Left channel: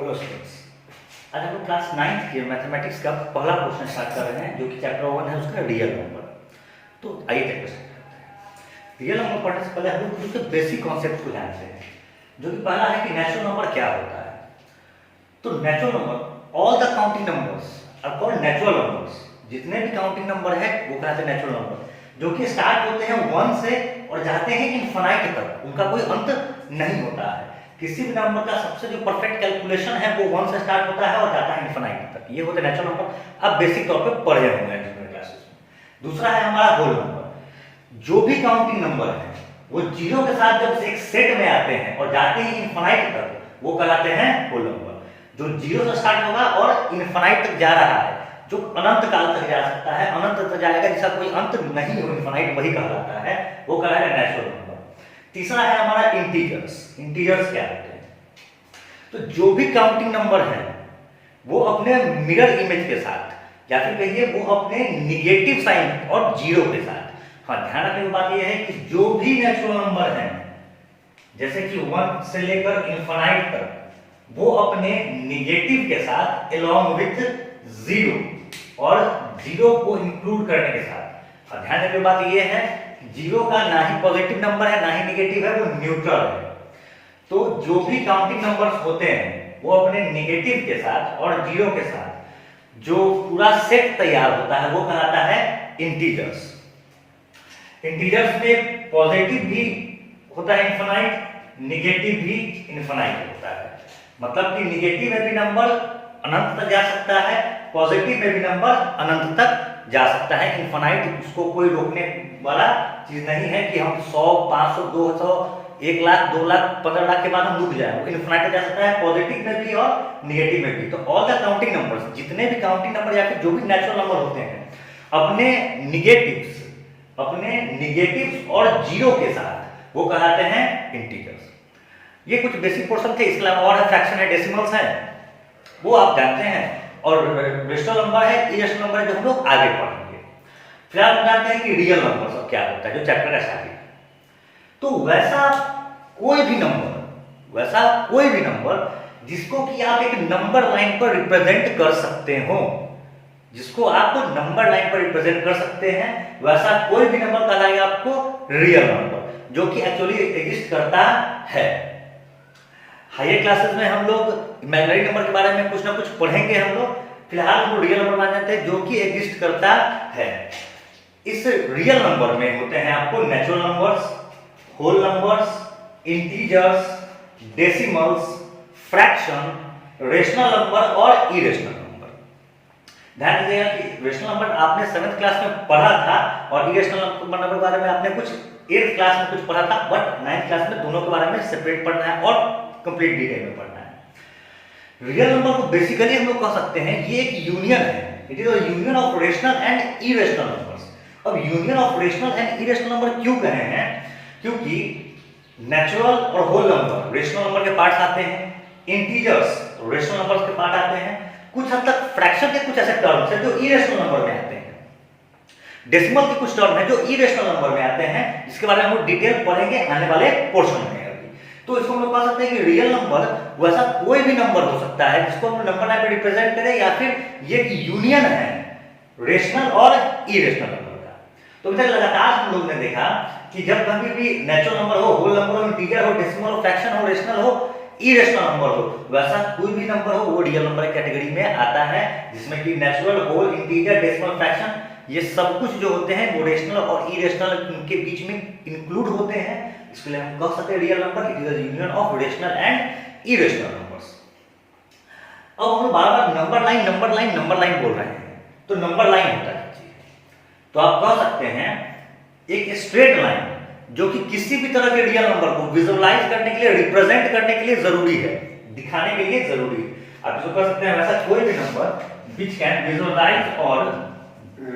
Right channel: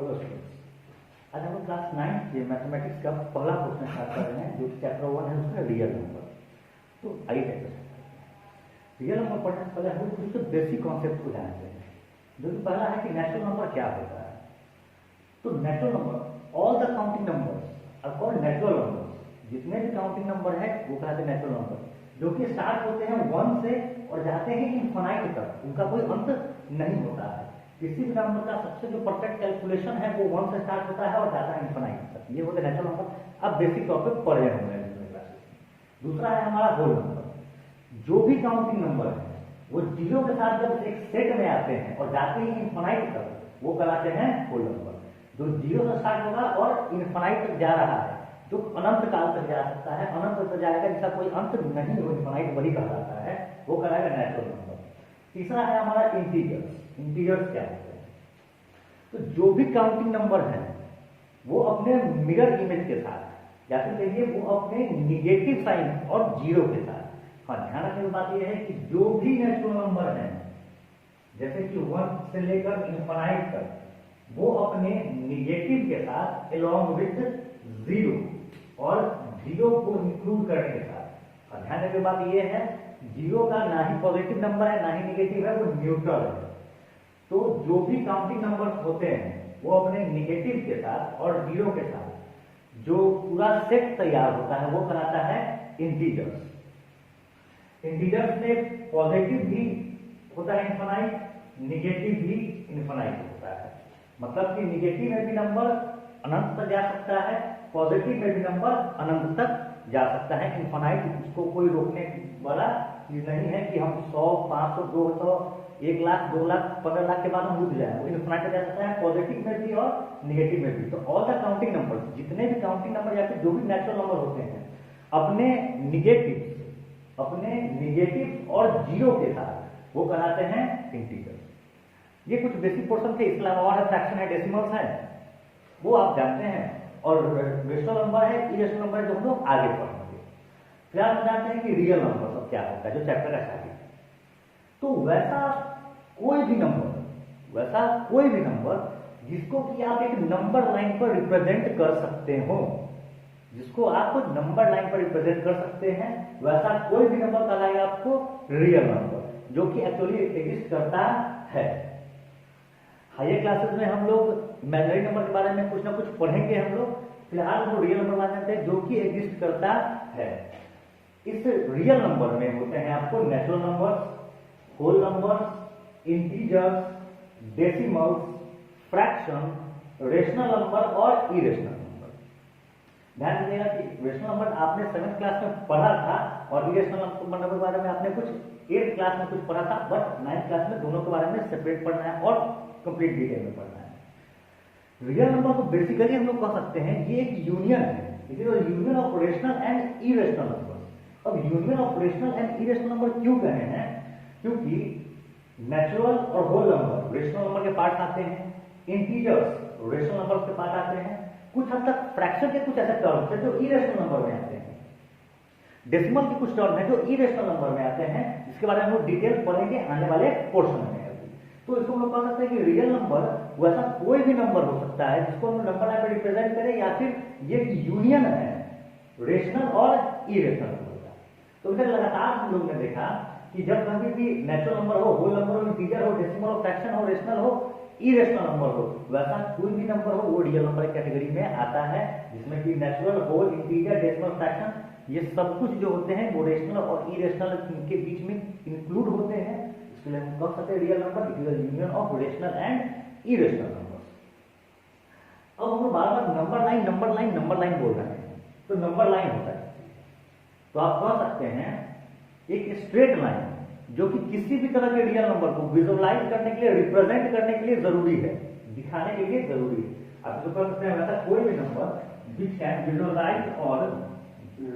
Hello students, आज हम लोग क्लास 9th के मैथमेटिक्स का पहला क्वेश्चन स्टार्ट कर रहे हैं जो कि चैप्टर 1 है उसका रियल नंबर। तो आइए चैप्टर स्टार्ट करते हैं। रियल नंबर पढ़ने से पहले हम लोग उसके बेसिक कॉन्सेप्ट को जानते हैं, जो कि पहला है कि नेचुरल नंबर क्या होता है। तो natural number, all the counting numbers are called natural numbers. जितने भी काउंटिंग नंबर है वो कहलाते हैं नेचुरल नंबर, जो कि स्टार्ट होते हैं 1 से और जाते हैं इनफाइनाइट तक, उनका कोई अंत नहीं होता है। किसी भी नंबर का सबसे जो परफेक्ट कैलकुलेशन है वो 1 से स्टार्ट होता है और जाता है इनफाइनाइट तक। ये होते हैं नेचुरल नंबर। आप बेसिक तौर पे पढ़े होंगे जूनियर क्लासेस में। दूसरा है हमारा होल नंबर। जो भी काउंटिंग नंबर है वो जीरो के साथ जब एक सेट में आते हैं और जाते हैं इनफाइनाइट तक, वो कहलाते हैं होल नंबर। जो जीरो से स्टार्ट होगा और इनफाइनाइट तक जा रहा है, जो अनंत काल तक जा सकता है, अनंत तक जाएगा, जिसका कोई अंत नहीं हो, इनफाइनाइट, वही कहलाता है, वो कहलाएगा नेचुरल नंबर। तीसरा है हमारा इंटीजर्स। इंटीजर्स क्या होते हैं? तो जो भी काउंटिंग नंबर है वो अपने मिरर इमेज के साथ, या फिर कहिए वो अपने निगेटिव साइन और जीरो के साथ। हाँ, ध्यान रखने की बात यह है कि जो भी नेचुरल नंबर है, जैसे कि 1 से लेकर इनफाइनाइट तक, वो अपने निगेटिव के साथ along with जीरो और जीरो को इंक्लूड करने के साथ। और ध्यान रखने की बात यह है, जीरो का ना ही पॉजिटिव नंबर है ना ही नेगेटिव है, वो न्यूट्रल है। तो जो भी काउंटिंग नंबर्स होते हैं वो अपने नेगेटिव के साथ और जीरो के साथ जो पूरा सेट तैयार होता है वो कहलाता है इंटीजर्स। इंटीजर्स में पॉजिटिव भी होता है इनफाइनाइट, नेगेटिव भी इनफाइनाइट होता है। मतलब कि नेगेटिव में भी नंबर अनंत तक जा सकता है, पॉजिटिव में भी नंबर अनंत तक जा सकता है। इनफाइनाइट, उसको कोई रोकने वाला चीज नहीं है कि हम 100, 500, 200, 1 लाख, 2 लाख, 15 लाख के बाद हम रुक जाए। वो इनफाइनाइट तक जा सकता है, पॉजिटिव में भी और नेगेटिव में भी। तो ऑल द काउंटिंग नंबर्स, जितने भी काउंटिंग नंबर या फिर जो भी नेचुरल नंबर होते हैं, अपने निगेटिव्स और जीरो के साथ वो कहलाते हैं इंटीजर्स। ये कुछ बेसिक पोर्शन थे। इसके अलावा और है फ्रैक्शन है, डेसिमल्स है, वो आप जानते हैं, और रेशनल नंबर है, इरेशनल नंबर है, जो हम लोग आगे पढ़ेंगे। फिर आप जानते हैं कि रियल नंबर सब क्या होता है, जो चैप्टर का स्टार्टिंग है। तो वैसा कोई भी नंबर जिसको कि आप एक नंबर लाइन पर रिप्रेजेंट कर सकते हो, जिसको आप नंबर लाइन पर रिप्रेजेंट कर सकते हैं, वैसा कोई भी नंबर कहलाएगा आपको रियल नंबर, जो कि एक्चुअली एग्जिस्ट करता है। हायर क्लासेस में हम लोग इमेजिनरी नंबर के बारे में कुछ ना कुछ पढ़ेंगे हम लोग। फिलहाल हम रियल नंबर मान जानते हैं जो कि एग्जिस्ट करता है। इस रियल नंबर में होते हैं आपको natural numbers, whole numbers, integers, decimals, fraction, rational number और इरेशनल नंबर। ध्यान दीजिएगा कि रेशनल नंबर आपने 7th क्लास में पढ़ा था और इरेशनल नंबर के बारे में आपने कुछ 8th क्लास में कुछ पढ़ा था, बट 9th क्लास में दोनों के बारे में सेपरेट पढ़ना है और कंप्लीट डिटेल में पढ़ना है। रियल नंबर को बेसिकली हम लोग कह सकते हैं ये एक यूनियन है। It is a union of rational and irrational numbers. अब union of rational and irrational number क्यों कहे हैं? क्योंकि नेचुरल और होल नंबर रेशनल नंबर के पार्ट्स आते हैं, इंटीजर्स रेशनल नंबर्स के पार्ट आते हैं, कुछ हद तक फ्रैक्शन के कुछ ऐसे टर्म्स हैं जो इरेशनल नंबर में आते हैं, डेसिमल के कुछ टर्म हैं जो इरेशनल नंबर में आते हैं, जिसके बारे में हम लोग डिटेल पढ़ेंगे आने वाले पोर्शन में। तो इसको हम लोग कह सकते हैं कि रियल नंबर वैसा कोई भी नंबर हो सकता है जिसको हम नंबर लाइन पे रिप्रेजेंट करें, या फिर ये यूनियन है रेशनल और इरेशनल नंबर का। तो इधर लगातार हम लोग ने देखा कि जब कभी भी नेचुरल नंबर हो, होल नंबर हो, इंटीजर हो, डेसिमल हो, फ्रैक्शन हो, रेशनल हो, इरेशनल नंबर हो, वैसा कोई भी नंबर हो वो रियल नंबर कैटेगरी में आता है, जिसमें कि natural, whole, integer, decimal, fraction, ये सब कुछ जो होते हैं वो रेशनल और इरेशनल के बीच में इंक्लूड होते हैं। इसके लिए हम कह सकते हैं real number it is the union of rational and irrational numbers. अब हम बार-बार नंबर लाइन बोल रहे हैं, तो नंबर लाइन होता है चीज। तो आप कह सकते हैं एक स्ट्रेट लाइन जो कि किसी भी तरह के रियल नंबर को विजुअलाइज करने के लिए, रिप्रेजेंट करने के लिए जरूरी है, दिखाने के लिए जरूरी है। आप इसको कह सकते हैं वैसा कोई भी नंबर व्हिच कैन विजुअलाइज और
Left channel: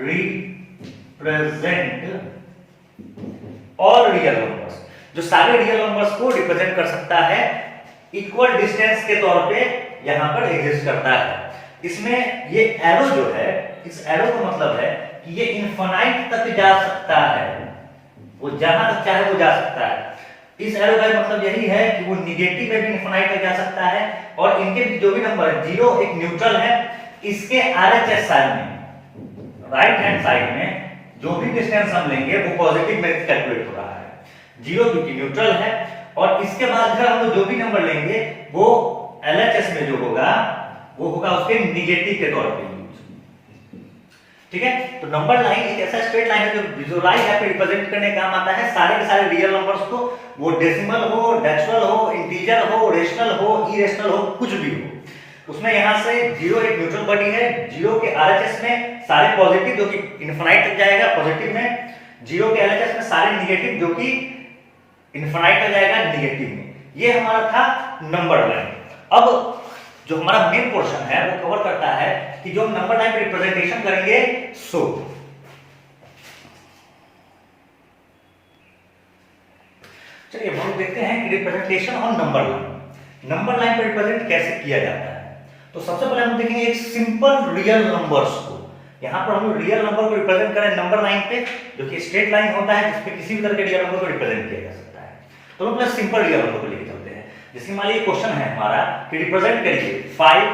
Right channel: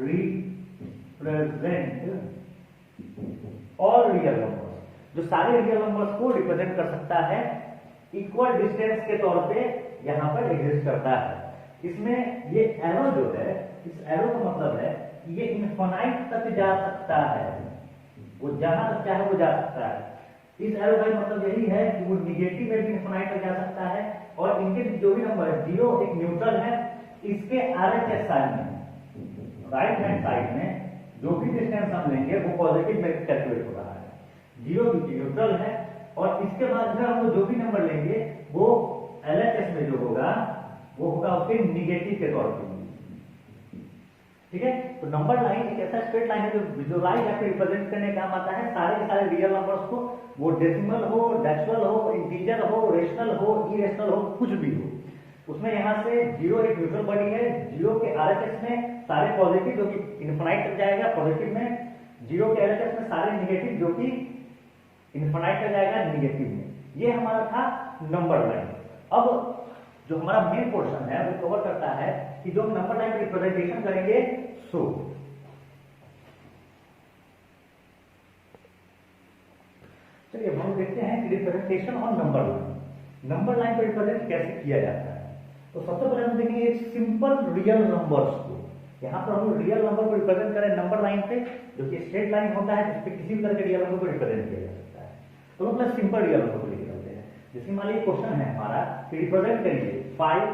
रिप्रेजेंट ऑल रियल नंबर्स, जो सारे रियल नंबर्स को रिप्रेजेंट कर सकता है, इक्वल डिस्टेंस के तौर पे यहां पर एग्जिस्ट करता है। इसमें ये एरो जो है, इस एरो का मतलब है कि ये इनफाइनाइट तक जा सकता है, वो जहां तक चाहे वो जा सकता है। इस एरो का मतलब यही है कि वो निगेटिव में भी इनफिनाइट तक जा सकता है, और इनके जो भी नंबर है, 0 एक न्यूट्रल है, इसके आरएचएस साइड में, राइट हैंड साइड में जो भी डिस्टेंस हम लेंगे वो पॉजिटिव में कैलकुलेट हो रहा है। 0 क्योंकि न्यूट्रल है, और इसके बाद फिर हम लोग जो भी नंबर लेंगे वो एलएचएस में जो होगा वो होगा उसके निगेटिव के तौर पे। ठीक है, तो नंबर लाइन एक ऐसा स्ट्रेट लाइन है जो विजुअलाइज या फिर रिप्रेजेंट करने का काम आता है सारे के सारे रियल नंबर्स को, वो डेसिमल हो, डेसिमल हो, इंटीजर हो, रेशनल हो, इरेशनल हो, कुछ भी हो। उसमें यहां से 0 एक न्यूट्रल बॉडी है, 0 के आरएचएस में सारे पॉजिटिव जो कि इनफिनाइट तक जाएगा पॉजिटिव में, 0 के एलएचएस में सारे नेगेटिव जो कि इनफिनाइट तक जाएगा नेगेटिव में। ये हमारा था नंबर लाइन। अब जो हमारा मेन पोर्शन है वो कवर करता है कि जो हम नंबर लाइन पे रिप्रेजेंटेशन करेंगे सो चलिए हम देखते हैं कि रिप्रेजेंटेशन ऑन नंबर लाइन पे रिप्रेजेंट कैसे किया जाता है। तो सबसे पहले हम देखेंगे एक सिंपल रियल नंबर्स को। यहां पर हम रियल नंबर को रिप्रेजेंट करें नंबर लाइन पे, जो कि स्ट्रेट लाइन होता है जिस पे किसी भी तरह के रियल नंबर को रिप्रेजेंट किया जा सकता है। तो हम पहले सिंपल रियल नंबर को लेके चलते हैं। जैसे मान लीजिए क्वेश्चन है हमारा कि रिप्रेजेंट करिए 5,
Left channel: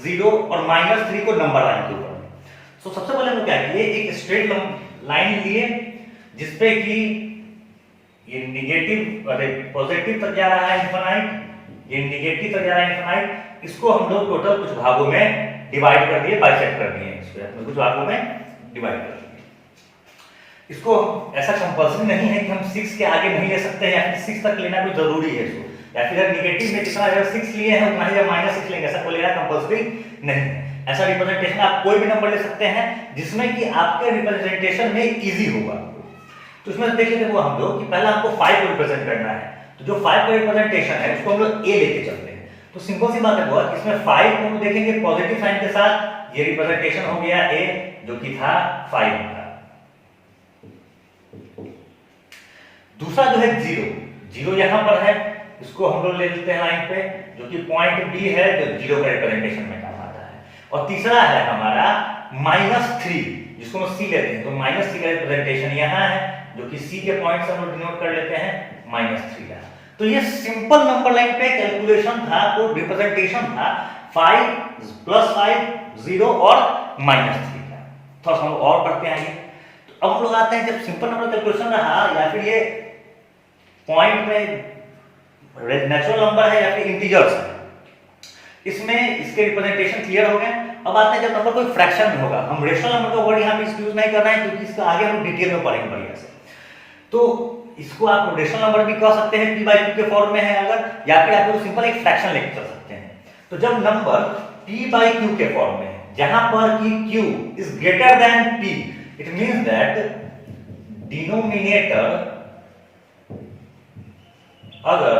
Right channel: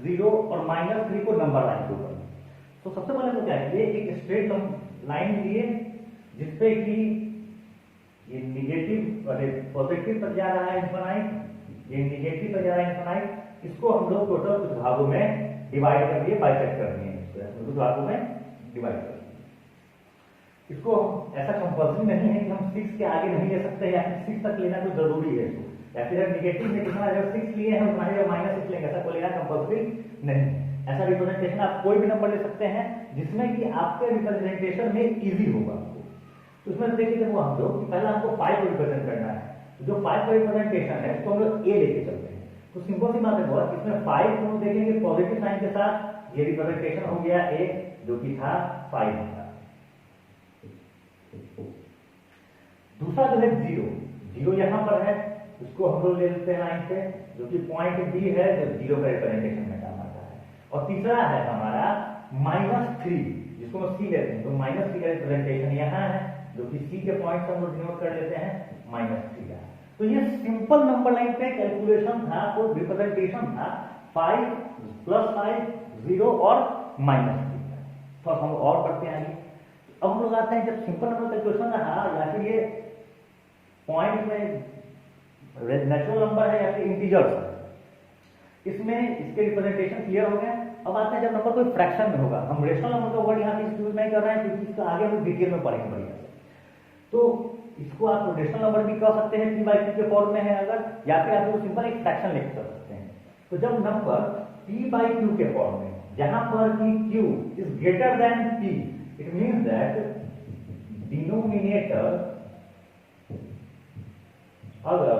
0 और -3 को नंबर लाइन के ऊपर में। तो सबसे पहले हम क्या किए, एक स्ट्रेट लाइन लिए जिसपे कि ये निगेटिव अरे पॉजिटिव तक जा रहा है इनफिनाइट, ये निगेटिव तक जा रहा है इनफिनाइट। इसको हम लोग टोटल कुछ भागों में डिवाइड कर दिए, बाइसेक्ट कर दिए, इसको कुछ भागों में डिवाइड कर दिए। इसको ऐसा कंपल्सरी नहीं है कि हम 6 के आगे नहीं ले सकते हैं या फिर 6 तक लेना कोई जरूरी है इसको, या फिर निगेटिव में जितना अगर 6 लिए हैं उतना ही जब -6 लेंगे, ऐसा कोई लेना कंपल्सरी नहीं है। ऐसा रिप्रेजेंटेशन आप कोई भी नंबर ले सकते हैं जिसमें कि आपके रिप्रेजेंटेशन में इजी होगा। तो इसमें देख लेते हैं वो हम लोग कि पहले आपको 5 को रिप्रेजेंट करना है। तो जो 5 का रिप्रेजेंटेशन है उसको हम लोग ए लेके चलते हैं। तो सिंपल सी बात है वो इसमें 5 को हम देखेंगे पॉजिटिव साइन के साथ, ये रिप्रेजेंटेशन हो गया ए जो कि था 5 का। दूसरा जो है 0 यहां पर है, इसको हम लोग ले लेते हैं लाइन पे, जो कि पॉइंट बी है जो 0 का रिप्रेजेंटेशन में काम आता है। और तीसरा है हमारा -3 जिसको हम सी लेते हैं, तो -3 का रिप्रेजेंटेशन यहां है जो कि सी के पॉइंट से हम लोग डिनोट कर लेते हैं -3 का। तो ये सिंपल नंबर लाइन पे कैलकुलेशन था, तो रिप्रेजेंटेशन था 5 + 5 0 और -3 का। थोड़ा हम और पढ़ते हैं आगे। तो अब हम लोग आते हैं जब सिंपल नंबर कैलकुलेशन रहा या फिर ये पॉइंट में नेचुरल नंबर है या फिर इंटीजर्स है, इसमें इसके रिप्रेजेंटेशन क्लियर हो गए। अब आते हैं जब नंबर कोई फ्रैक्शन में होगा, हम रेशनल नंबर का वर्ड यहां पे यूज नहीं कर रहे हैं क्योंकि इसका आगे हम डिटेल में पढ़ेंगे बढ़िया से। तो इसको आप रेशनल नंबर भी कह सकते हैं p/q के फॉर्म में है अगर, या फिर आप लोग सिंपल एक फ्रैक्शन लेके चल सकते हैं। तो जब नंबर p/q के फॉर्म में है जहां पर कि q is greater than p, it means that denominator अगर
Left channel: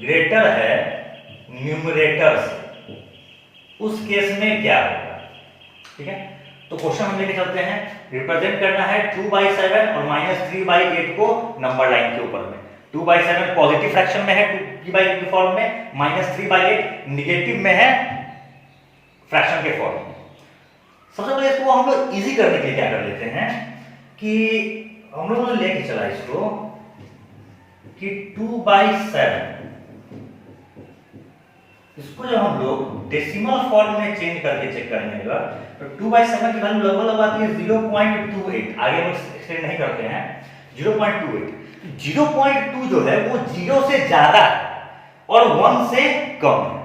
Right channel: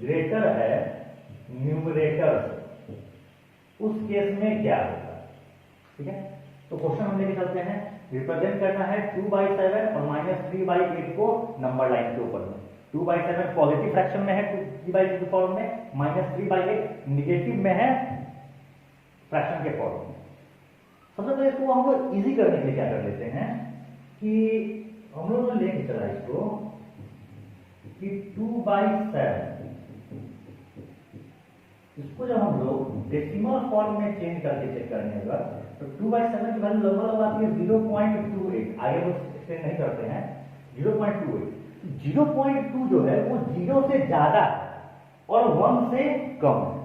ग्रेटर है न्यूमरेटर से, उस केस में क्या होगा। ठीक है, तो क्वेश्चन हम लेके चलते हैं। रिप्रेजेंट करना है 2/7 और -3/8 को नंबर लाइन के ऊपर में। 2/7 पॉजिटिव फ्रैक्शन में है p/q के फॉर्म में, -3/8 निगेटिव में है फ्रैक्शन के फॉर्म में। सबसे पहले इसको हम लोग इजी करने के लिए क्या कर लेते हैं कि हम लोगों ने लेके चला इसको कि 2/7, इसको जब हम लोग डेसिमल फॉर्म में चेंज करके चेक करेंगे तो 2/7 की वैल्यू लगभग आती है 0.28, आगे हम एक्सटेंड नहीं करते हैं, 0.28। 0.2 जो है वो 0 से ज्यादा है और 1 से कम है।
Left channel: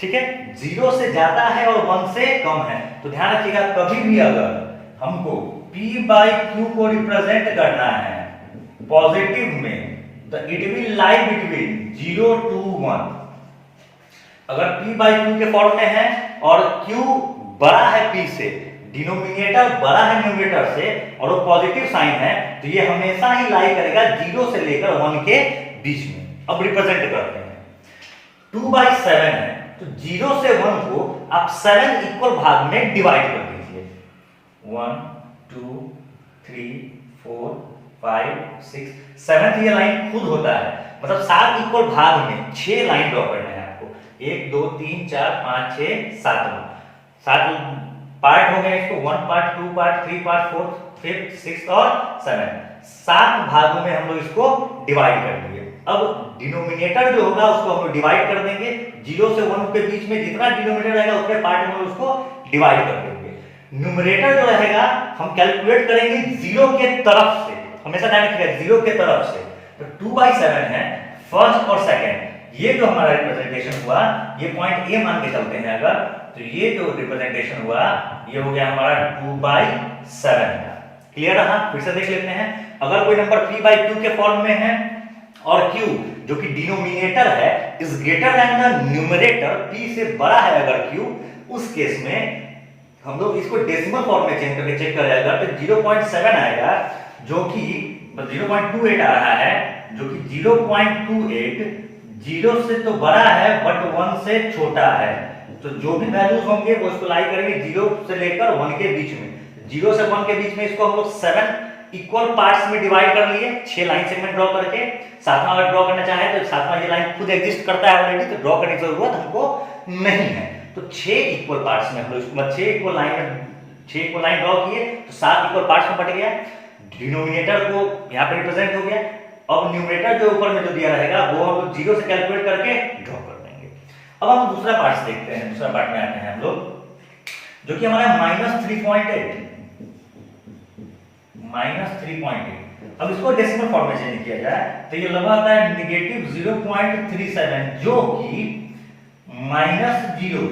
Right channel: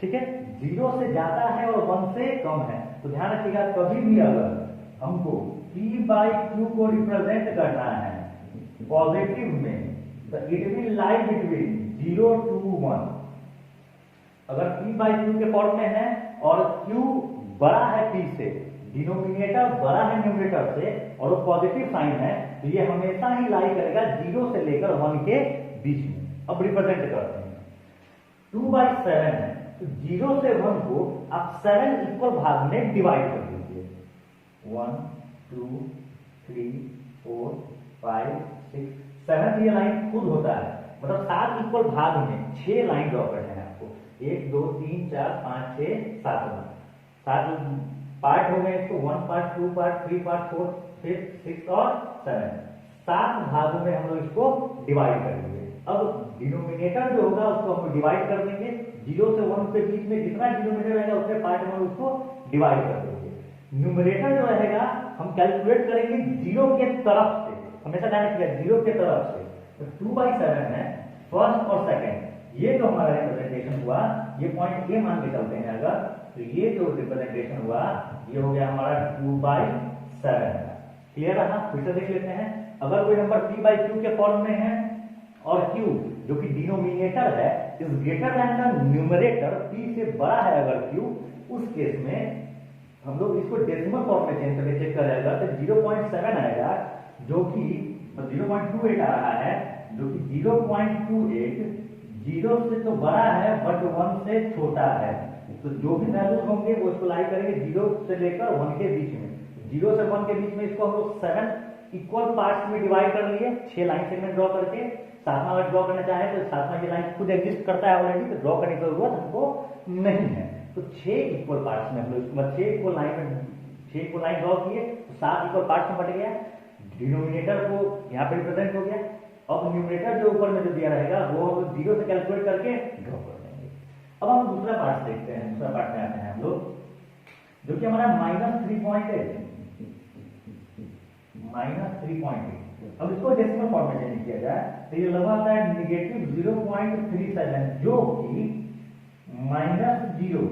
ठीक है, 0 से ज्यादा है और 1 से कम है। तो ध्यान रखिएगा कभी भी अगर हमको p/q को रिप्रेजेंट करना है पॉजिटिव में, तो it will lie between 0 to 1। अगर p/q के फॉर्म में है और q बड़ा है p से, डिनोमिनेटर बड़ा है न्यूमरेटर से और वो पॉजिटिव साइन है, तो ये हमेशा ही लाई करेगा 0 से लेकर 1 के बीच में। अब रिप्रेजेंट करते हैं 2/7 है, तो 0 से 1 को आप 7 इक्वल भाग में डिवाइड कर दीजिए। 1 2 3 4 5 6 7 ये लाइन खुद होता है, मतलब 7 इक्वल भाग में 6 लाइन ड्रॉ करना है आपको। 1 2 3 4 5 6 7 पार्ट हो गए इसको, 1 पार्ट 2 पार्ट 3 पार्ट 4 5 6 और 7। 7 भागों में हम लोग इसको डिवाइड कर दिए। अब डिनोमिनेटर जो होगा उसको हम लोग डिवाइड कर देंगे, 0 से 1 के बीच में जितना डिनोमिनेटर रहेगा उतने पार्ट में उसको डिवाइड कर देंगे। न्यूमरेटर जो रहेगा हम कैलकुलेट करेंगे 0 के तरफ से, हमेशा ध्यान रखिएगा 0 के तरफ से। तो 2/7 है फर्स्ट और सेकंड, ये जो हमारा रिप्रेजेंटेशन हुआ, ये पॉइंट ए मान के चलते हैं अगर, तो ये जो रिप्रेजेंटेशन हुआ ये हो गया हमारा 2/7 का। क्लियर रहा? फिर से देख लेते हैं। अगर कोई नंबर p/q के फॉर्म में है और q जो कि डिनोमिनेटर है is greater than the numerator, p से बड़ा है अगर q, उस केस में हम लोग इसको डेसिमल फॉर्म में चेंज करके चेक करेगा तो 0.7 आएगा, जो कि 0.28 आ रहा है, जो कि 0.28 0 से तो बड़ा है बट 1 से छोटा है। तो जो भी वैल्यूज होंगे वो इसको लाई करेंगे 0 से लेकर 1 के बीच में। 0 से 1 के बीच में इसको हम लोग 7 इक्वल पार्ट्स में डिवाइड कर लिए, 6 लाइन सेगमेंट ड्रॉ करके। सातवां अगर ड्रॉ करना चाहे तो सातवां ये लाइन खुद एग्जिस्ट करता है ऑलरेडी, तो ड्रॉ करने की जरूरत हमको नहीं है। तो 6 इक्वल पार्ट्स में हम लोग इसको 6 इक्वल लाइन ड्रॉ किए तो 7 इक्वल पार्ट्स में बट गया। डिनोमिनेटर को यहाँ पे रिप्रेजेंट हो गया। अब न्यूमरेटर जो ऊपर में जो दिया रहेगा वो हम लोग 0 से कैलकुलेट करके ड्रॉ कर देंगे। अब हम दूसरा पार्ट देखते हैं। दूसरा पार्ट में आते हैं हम लोग, जो कि हमारा -3.8 अब इसको डेसिमल फॉर्म में चेंज किया जाए तो ये लगा आता है -0.37, जो कि -0।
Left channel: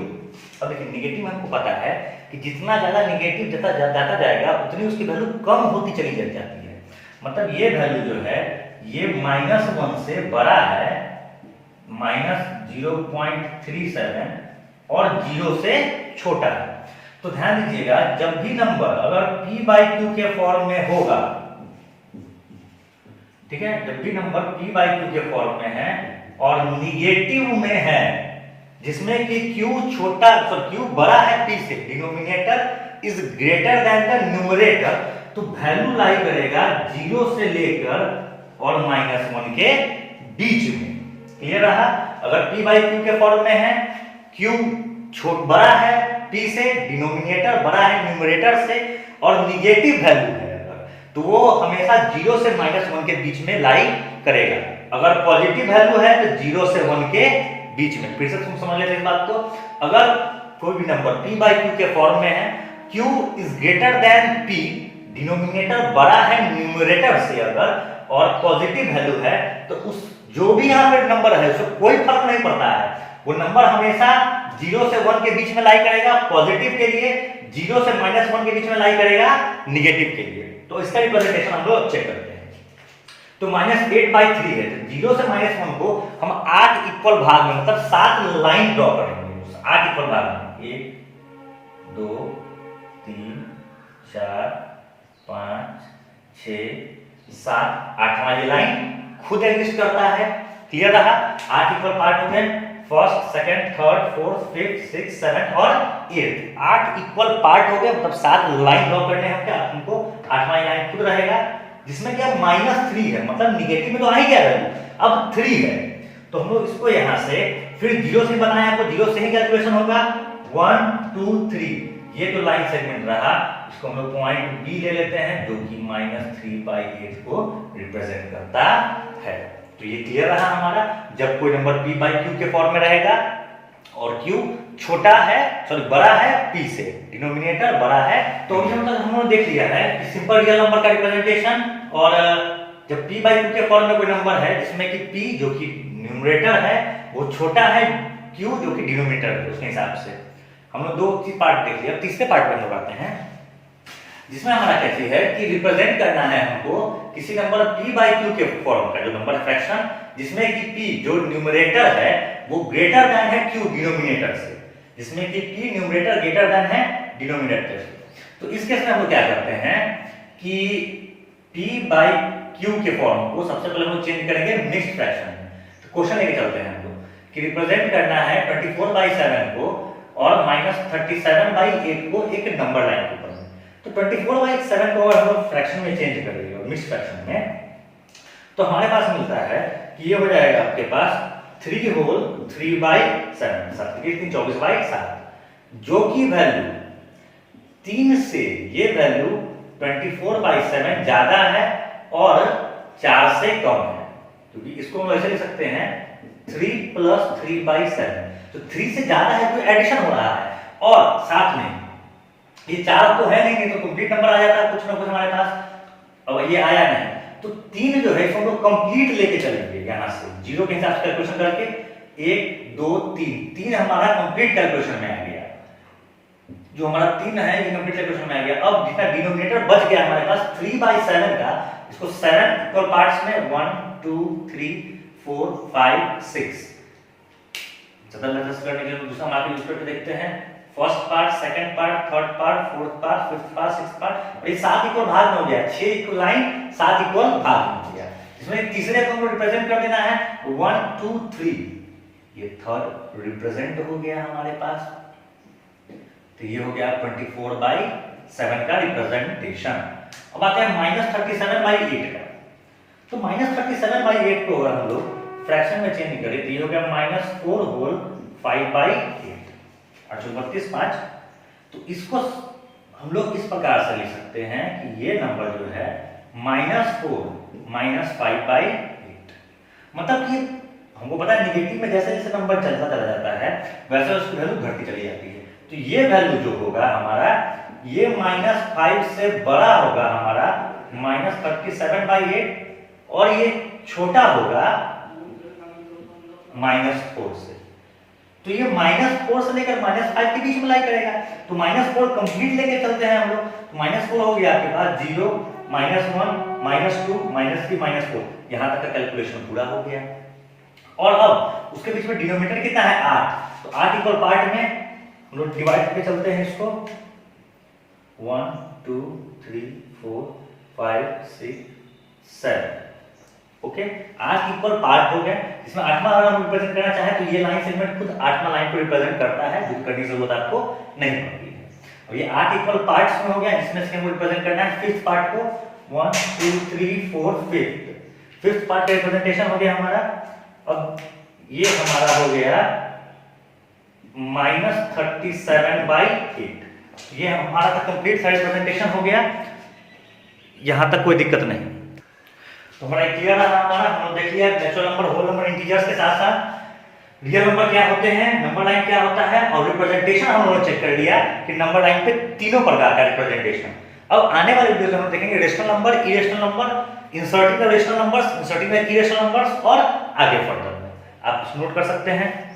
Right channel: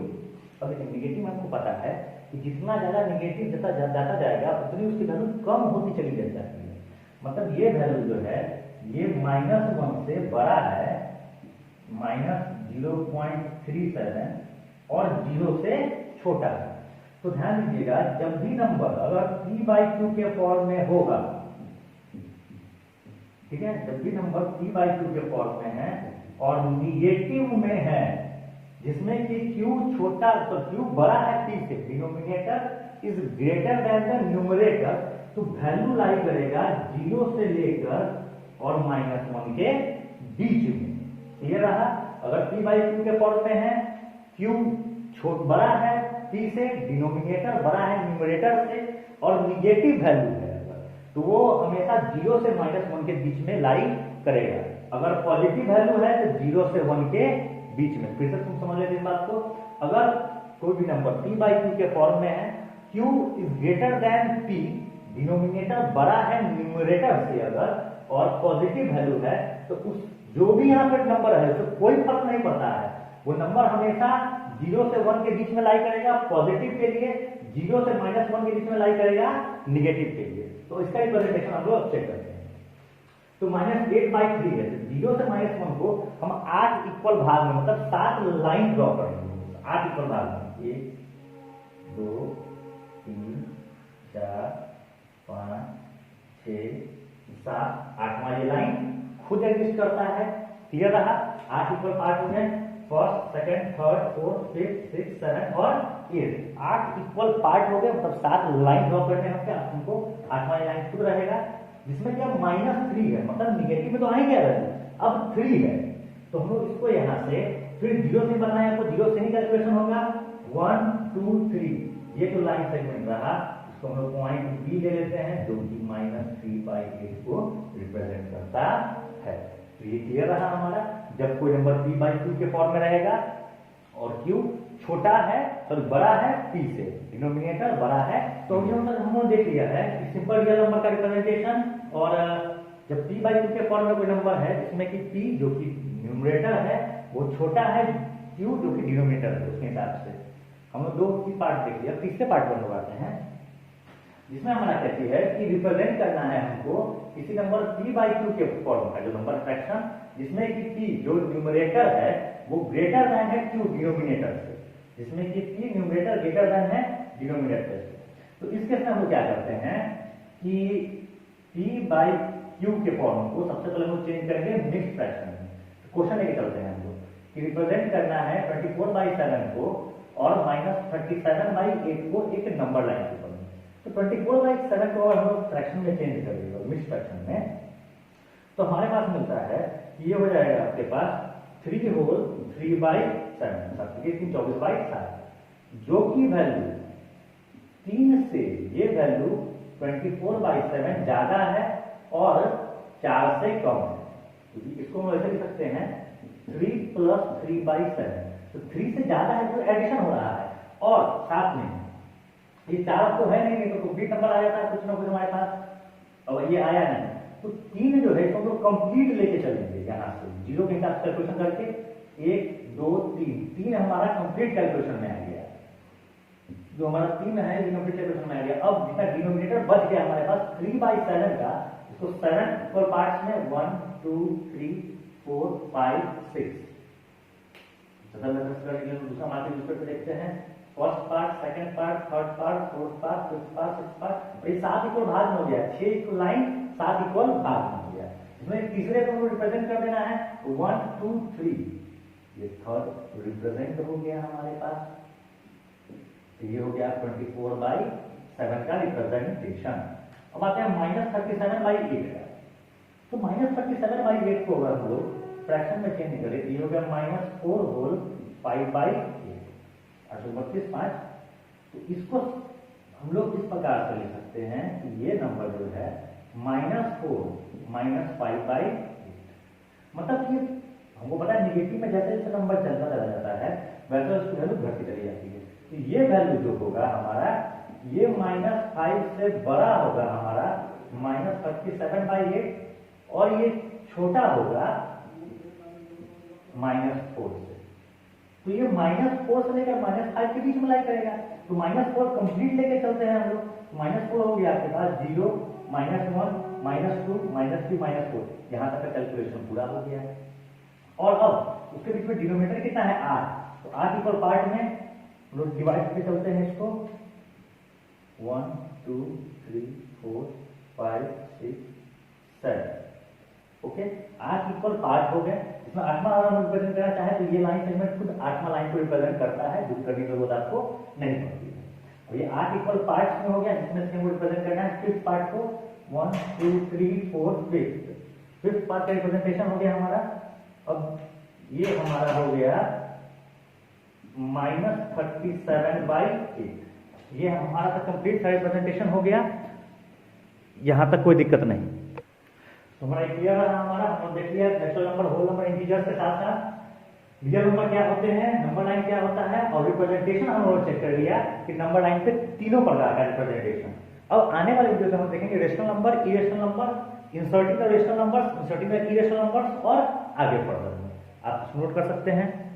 अब देखिए नेगेटिव हमको पता है कि जितना ज्यादा नेगेटिव जाता जाएगा उतनी उसकी वैल्यू कम होती चली जाती है। मतलब ये वैल्यू जो है ये -1 से बड़ा है, -0.37 और 0 से छोटा है। तो ध्यान दीजिएगा जब भी नंबर अगर p/q के फॉर्म में होगा, ठीक है, जब भी नंबर p/q के फॉर्म में है और निगेटिव में है, जिसमें कि q छोटा q बड़ा है p से, denominator is greater than the numerator, तो वैल्यू लाई करेगा 0 से लेकर और -1 के बीच में। क्लियर रहा? अगर p/q के फॉर्म में है, q बड़ा है p से, डिनोमिनेटर बड़ा है न्यूमरेटर से और निगेटिव वैल्यू है अगर, तो वो हमेशा 0 से -1 के बीच में लाई करेगा। अगर पॉजिटिव वैल्यू है तो 0 से 1 के बीच में। फिर से तुम समझ लेते इस बात को। अगर कोई भी नंबर p/q के फॉर्म में है, q is greater than p, denominator बड़ा है न्यूमरेटर से अगर और पॉजिटिव वैल्यू है, तो उस जो भी यहाँ पे नंबर है उसको कोई फर्क नहीं पड़ता है, वो नंबर हमेशा 0 से 1 के बीच में लाई करेगा पॉजिटिव के लिए, 0 से -1 के बीच में लाई करेगा निगेटिव के लिए। तो इसका रिप्रेजेंटेशन हम लोग चेक करते हैं। तो -8/3 है, तो 0 से -1 को हम 8 इक्वल भाग में, मतलब 7 लाइन ड्रॉ करेंगे 8 इक्वल भाग में। 1 2 3 4 5 6 7 8वां ये लाइन खुद एग्जिस्ट करता है। क्लियर रहा? 8 इक्वल पार्ट हो गए, first second third fourth fifth six seven और 8 8 इक्वल पार्ट हो गए, मतलब 7 लाइन ड्रॉ करने हैं क्या हमको। 8वां लाइन खुद रहेगा, जिसमें क्या -3 है, मतलब निगेटिव में तो आ ही गया वैल्यू, अब 3 है, तो हम लोग इसको यहां से फिर 0 से बनाया, आपको 0 से ही कैलकुलेशन होगा। 1 2 3 ये तो लाइन सेगमेंट रहा, इसको हम लोग पॉइंट बी ले लेते हैं, जो कि -3/8 को रिप्रेजेंट करता है। तो ये क्लियर रहा हमारा। जब कोई नंबर p/q के फॉर्म में रहेगा और q छोटा है, सॉरी बड़ा है p से, डिनोमिनेटर बड़ा है, तो हम लोग देख लिया है कि सिंपल रियल नंबर का रिप्रेजेंटेशन। और जब p/q के फॉर्म में कोई नंबर है जिसमें कि p जो कि न्यूमरेटर है वो छोटा है q जो कि डिनोमिनेटर है, उसके हिसाब से हम लोग 2 पार्ट देख लिया। अब तीसरे पार्ट में हम लोग आते हैं, जिसमें हमारा कैसी है कि रिप्रेजेंट करना है हमको किसी नंबर p/q के फॉर्म का, जो नंबर फ्रैक्शन जिसमें कि p जो न्यूमरेटर है वो ग्रेटर देन है q डिनोमिनेटर से, जिसमें कि p न्यूमरेटर ग्रेटर देन है डिनोमिनेटर से। तो इस केस में हम लोग क्या करते हैं कि p/q के फॉर्म को सबसे पहले हम लोग चेंज करेंगे मिक्स्ड फ्रैक्शन में। तो क्वेश्चन लेके चलते हैं हम लोग कि रिप्रेजेंट करना है 24/7 को और -37/8 को एक नंबर लाइन के ऊपर। तो 24/7 को अगर हम लोग फ्रैक्शन में चेंज करेंगे और मिक्स्ड फ्रैक्शन में, तो हमारे पास मिलता है कि ये हो जाएगा आपके पास 3 होल 3/7, 24/7, जो कि वैल्यू 3 से ये वैल्यू 24/7 ज्यादा है और 4 से कम है, क्योंकि इसको हम ऐसे लिख सकते हैं 3 + 3/7। तो 3 से ज्यादा है तो एडिशन हो रहा है, और साथ में ये 4 तो है नहीं तो कंप्लीट नंबर आ जाता कुछ ना कुछ हमारे पास, अब ये आया नहीं तो 3 जो है इसको हम लोग कंप्लीट लेके चलेंगे यहाँ से जीरो के हिसाब से कैलकुलेशन करके 1 2 3 हमारा कंप्लीट कैलकुलेशन में आ गया, जो हमारा 3 है ये कंप्लीट कैलकुलेशन में आ गया। अब जितना डिनोमिनेटर बच गया हमारे पास 3/7 का, इसको 7 इक्वल पार्ट्स में 1 2 3 4 5 6 ज्यादा मेथड्स करने के लिए दूसरा मार्क यूज करके देखते हैं। First part, second part, third part, fourth part, fifth part, sixth part, ये 7 इक्वल भाग में हो गया, 6 इक्वल लाइन 7 इक्वल भाग में हो गया। इसमें तीसरे को हमको रिप्रेजेंट कर देना है 1 2 3, ये थर्ड रिप्रेजेंट हो गया हमारे पास, तो ये हो गया 24/7 का रिप्रेजेंटेशन। अब आते हैं -37/8 का, तो -37/8 को अगर हम लोग फ्रैक्शन में चेंज करें तो ये हो गया -4 होल 5/8 और 32/5। तो इसको हम लोग इस प्रकार से लिख सकते हैं कि ये नंबर जो है -4 -5/8, मतलब कि हमको पता है निगेटिव में जैसे जैसे नंबर चलता चला जाता है वैसे उसकी वैल्यू घटती चली जाती है। तो ये वैल्यू जो होगा हमारा ये -5 से बड़ा होगा हमारा -37/8, और ये छोटा होगा -4 से। तो ये -4 से लेकर -5 के बीच में लाई करेगा, तो -4 कंप्लीट लेके चलते हैं हम लोग, तो -4 हो गया आपके पास 0 -1 -2 -3 -4, यहाँ तक का कैलकुलेशन पूरा हो गया। और अब उसके बीच में डिनोमिनेटर कितना है 8, तो 8 इक्वल पार्ट में हम लोग डिवाइड करके चलते हैं इसको 1 2 3 4 5 6 7, ओके 8 इक्वल पार्ट हो गए। इसमें 8वां अगर हम रिप्रेजेंट करना चाहें तो ये लाइन सेगमेंट खुद 8वां लाइन को रिप्रेजेंट करता है, जो करने की जरूरत आपको नहीं पड़ती है। अब ये 8 इक्वल पार्ट्स में हो गया, जिसमें से हमको रिप्रेजेंट करना है फिफ्थ पार्ट को 1 2 3 4 फिफ्थ पार्ट का रिप्रेजेंटेशन हो गया हमारा। अब ये हमारा हो गया -37/8, ये हमारा तो कंप्लीट साइड रिप्रेजेंटेशन हो गया, यहां तक कोई दिक्कत नहीं। तो हमारा क्लियर रहा हमारा, हम देख लिया natural number, whole number, integers के साथ साथ रियल नंबर क्या होते हैं, नंबर लाइन क्या होता है, और रिप्रेजेंटेशन हम लोगों ने चेक कर लिया कि नंबर लाइन पे तीनों प्रकार का रिप्रेजेंटेशन। अब आने वाले वीडियो में हम देखेंगे rational number, irrational number, inserting the rational numbers, inserting the irrational numbers, और आगे फर्दर में आप नोट कर सकते हैं।